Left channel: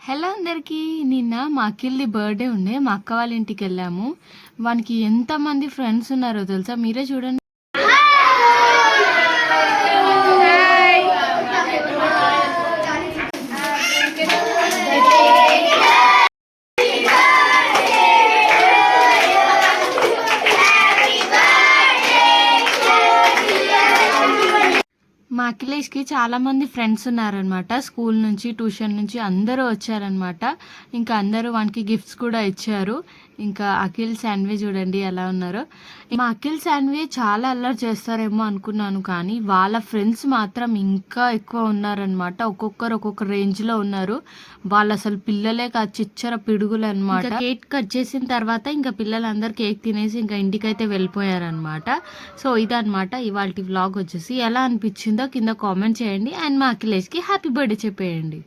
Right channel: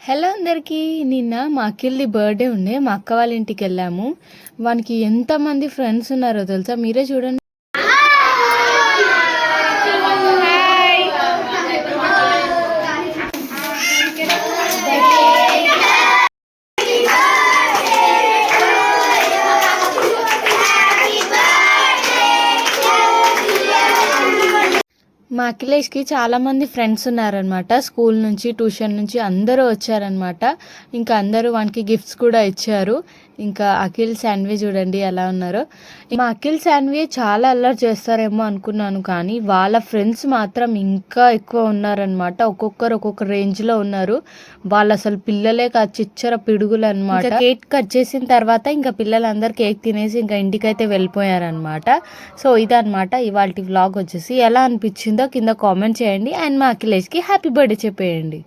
Hello అందరికీ. నిన్న మా అఖిల్‌ది బర్త్‌డే ఉండే. మా అక్క వాళ్ళ ఇంటికెళ్ళాము. వానికి ఎంతమంది ఫ్రెండ్స్ ఉన్నారో తెలుసా? మీరే చూడండి. మా అఖిలేష్‌కి చాలామంది ఫ్రెండ్స్ ఉన్నారనమాట. స్కూల్ నుంచి, ట్యూషన్ నుంచి అందరూ వచ్చారనమాట. ఇంకా అందరూ వానికి గిఫ్ట్స్ కూడా ఇచ్చారు. ఇంకా అఖిల్, శాన్వి చూడండి ఎలా ఉన్నారో. మా అఖిల్, శాన్వి చాలా అల్లరి చేస్తారేమో అనుకున్నాను, కానీ వాళ్ళ ఫ్రెండ్స్ మాత్రం ఇంకా ఎక్కువ ఉన్నారనమాట. ఒక్కొక్కరు ఒక్కొక్క రేంజ్‌లో ఉన్నారు. వాళ్ళు అసలు పిల్లలే కాదు, చిచ్చర పిడుగులు అనమాట. కేక్ కట్ చేసిన తర్వాత ఇంకా పిల్లలందరూ కేక్ తినేసి ఇంకా ఇంటికైతే వెళ్ళిపోయారనమాట. సో ఇదనమాట ఇవాల్టి వ్లాగ్ వచ్చేసి. ఎలా అనిపించిందో కింద కామెంట్ చేయండి. అండ్ మా అఖిలేష్‌కి హ్యాపీ బర్త్‌డే చెప్పేయండి.